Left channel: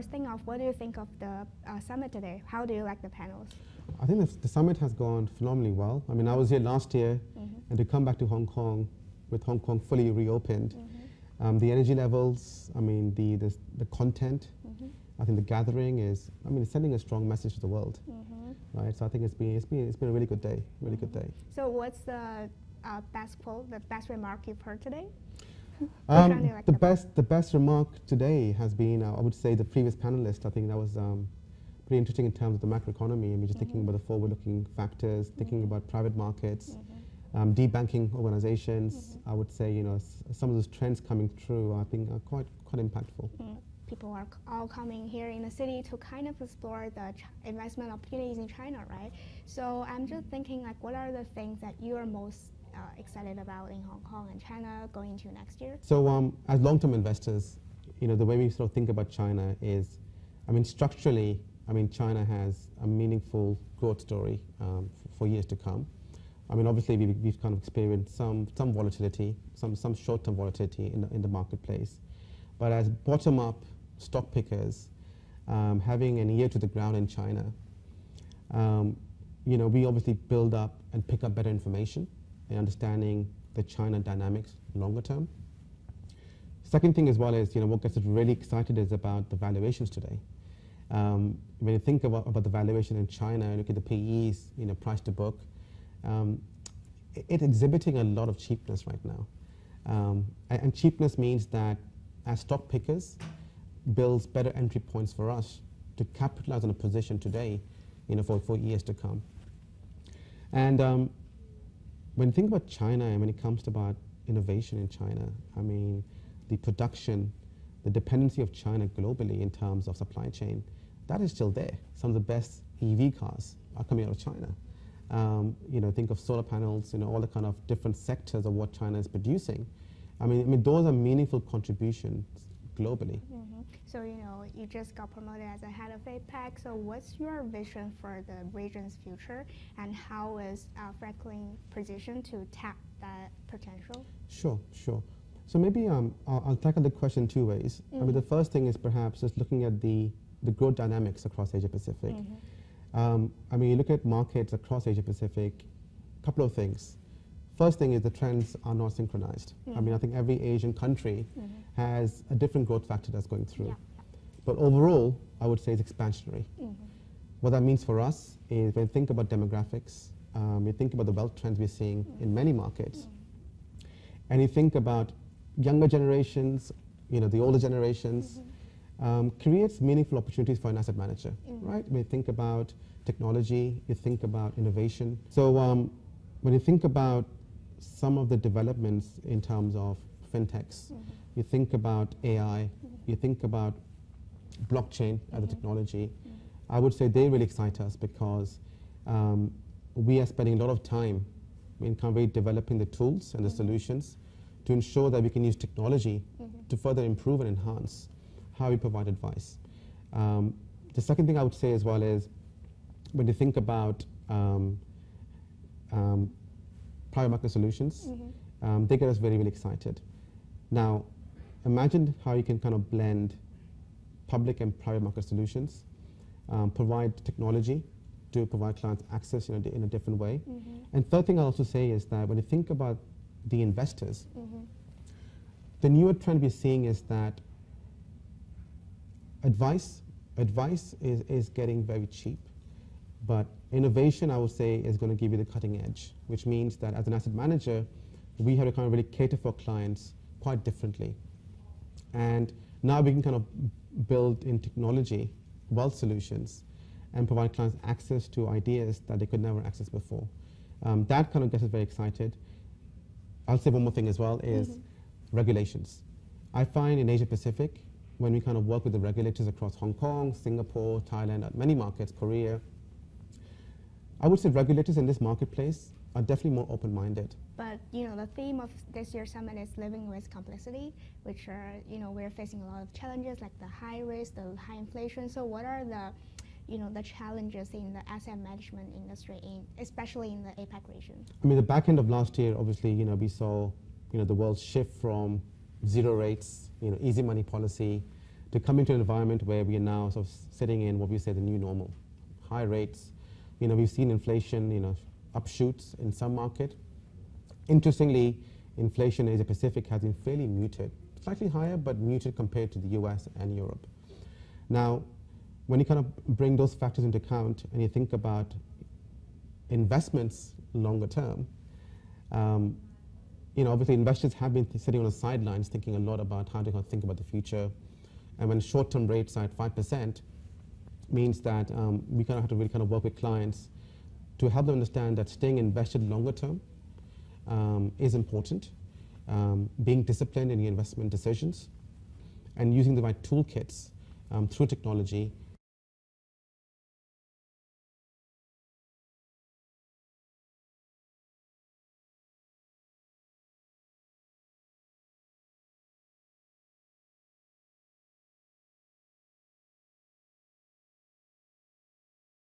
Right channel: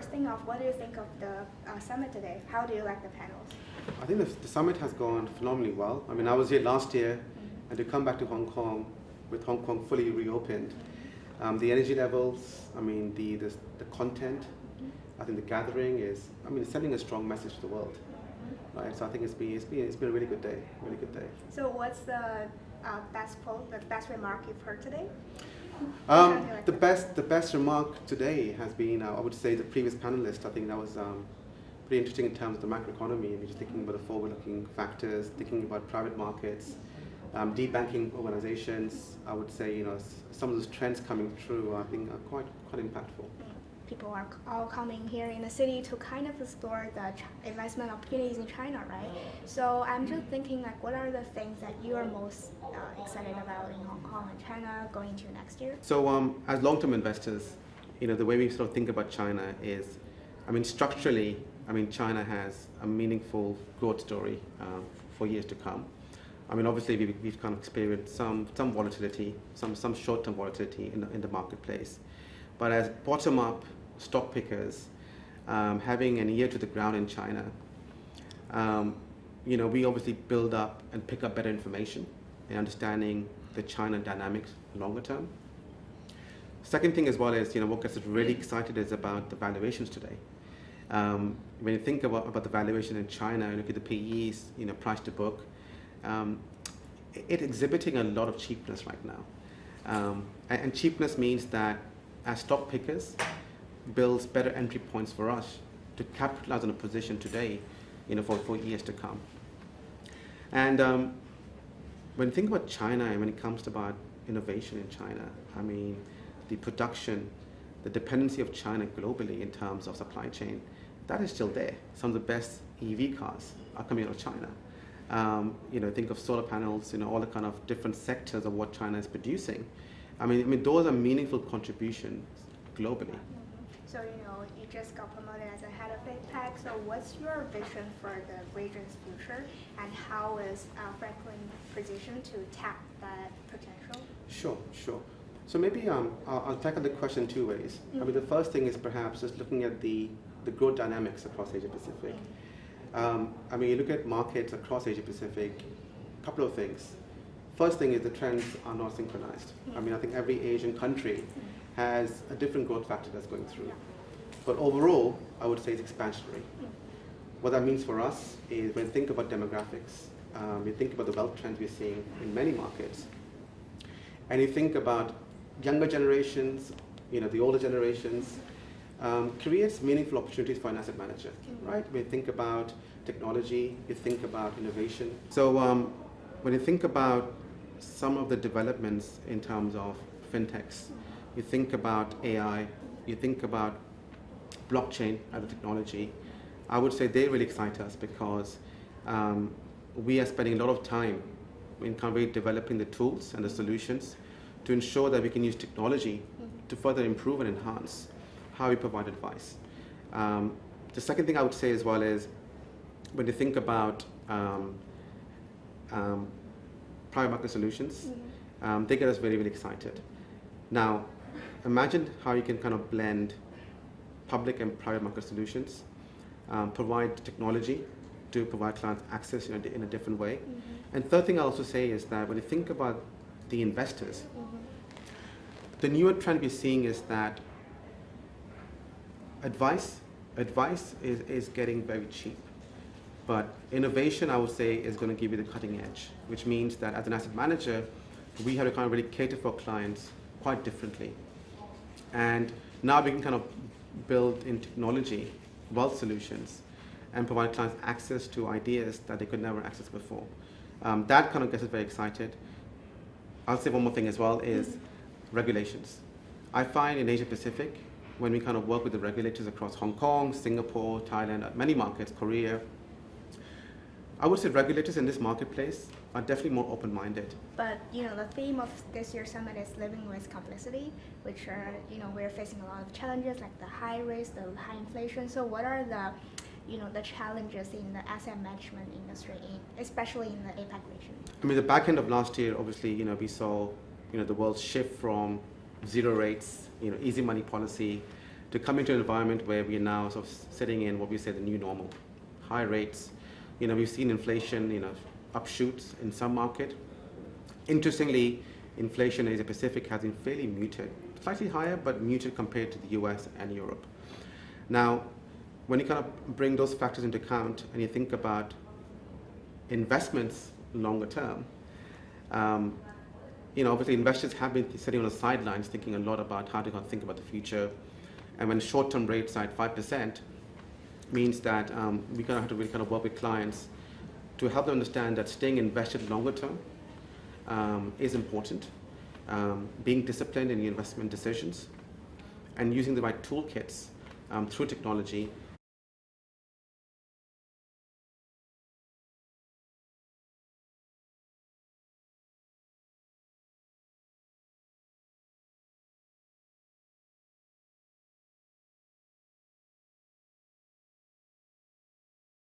first thing off, what do you think of the summit today? How do you like the panels? I think the summit has gone phenomenally well. I mean, I was here last year, and to come back to Hong Kong with Hong Kong fully reopened, the energy levels, I mean, the content, I think the gathering is, I mean, it's sending a strong message to the world, right? So I think it's been a really good day, really good day. So what's the best quote, the best remark you've heard today? The best remark today has been, I would say, the previous panelist. I think that was pretty interesting in terms of the macroeconomy. I mean, just thinking about the forward-looking factors, thinking about private markets, deep banking organizations. I would say, you know, some of those trends coming through, I think, are quite impactful. People are all coming here in the city to kind of explore the investment opportunities in China, right? So I'm just thinking, like, what are the things that you are most excited about in Hong Kong and China going into next year? So as long-term investors, you know, the way we sort of think about China is, I mean, structurally, I mean, China has a meaningful growth story for years to come. I mean, obviously, we've kind of experienced some volatility, some short-term volatility in the marketplace. But as bottom-up stock pickers, having an ear to the ground in China, you know, we obviously build up and pick up better information and understanding the China dynamics longer term. Second thing as well is, you know, what gets us really excited is about the valuations today. When you think about the valuation in China, and look at the PEs, you know, price to book, it's exhibiting a lot of cheapness right now. And cheapness means that as stock pickers, builds better entry points for us to capitalize on a position today, you know, for years to come. And when you think about China and when it comes to about innovation in China, I mean, the production, the dependency of China globally in terms of supply chain, that is still there. Some of the best EV cars are coming out of China. You know, think of solar panels, you know, all the kind of different sectors of what China is producing. I mean, those are meaningful contributions globally. So, you know, you just got promoted as a head of APAC. So what's your vision for the region's future, and how is Franklin positioned to tap that potential? Sure. So maybe I'll tackle the question two ways. I mean, the first thing is perhaps just looking at the growth dynamics across Asia Pacific. I mean, you look at markets across Asia Pacific, a couple of things. First thing is the trends are not synchronized. I mean, I think every Asian country has a different growth factor that's going through. But overall, I would say it's expansionary. What that means for us is when you think about demographics, you think about the wealth trends we're seeing in many markets, and you think about younger generations, you know, the older generations, creates meaningful opportunities for an asset manager, right? When you think about technology, you think about innovation. So when you think about some of the developments in terms of fintechs, you think about AI, you think about blockchain as a technology, I would say they really excite us because we are spending a lot of time in kind of developing the tools and the solutions to ensure that we can use technology to further improve and enhance how we provide advice. The second thing I would say as well is when you think about private market solutions, they get us very, very excited. Now, imagine how you can kind of blend public and private market solutions, provide technology to provide clients access in a different way. And third thing I'll also say is that when you think about the investors, the newer trend we're seeing is that advice is getting very cheap, but innovation, I would say, is going to give you the cutting edge, which means that as an asset manager, we have to kind of really cater for clients quite differently. And now we can kind of build in technology, wealth solutions, and provide clients access to ideas that they could never access before. That kind of gets us very excited. I'll say one more thing as well is regulations. I find in Asia Pacific, when we kind of work with the regulators across Hong Kong, Singapore, Thailand, many markets, Korea, I would say regulators in this marketplace are definitely more open-minded. But, you know, the theme of this year's summit is living with complexity, which are, you know, we're facing a lot of challenges like the high risk, the high inflation. So what are the, you know, the challenges in the asset management industry, especially in the APAC region? I mean, the back end of last year, obviously, you know, we saw, you know, the world shift from zero rates, you know, easy money policy to come into an environment where we are now sort of sitting in what we say the new normal. High rates, we've seen inflation, upshoots in some market. Interestingly, inflation in Asia Pacific has been fairly muted, slightly higher, but muted compared to the US and Europe. Now, when you kind of bring those factors into account and you think about investments longer term, obviously investors have been sitting on the sidelines thinking a lot about how to kind of think about the future. And when short-term rates are at 5%, means that we kind of have to really kind of work with clients to help them understand that staying invested longer term is important, being disciplined in your investment decisions, and using the right toolkits through technology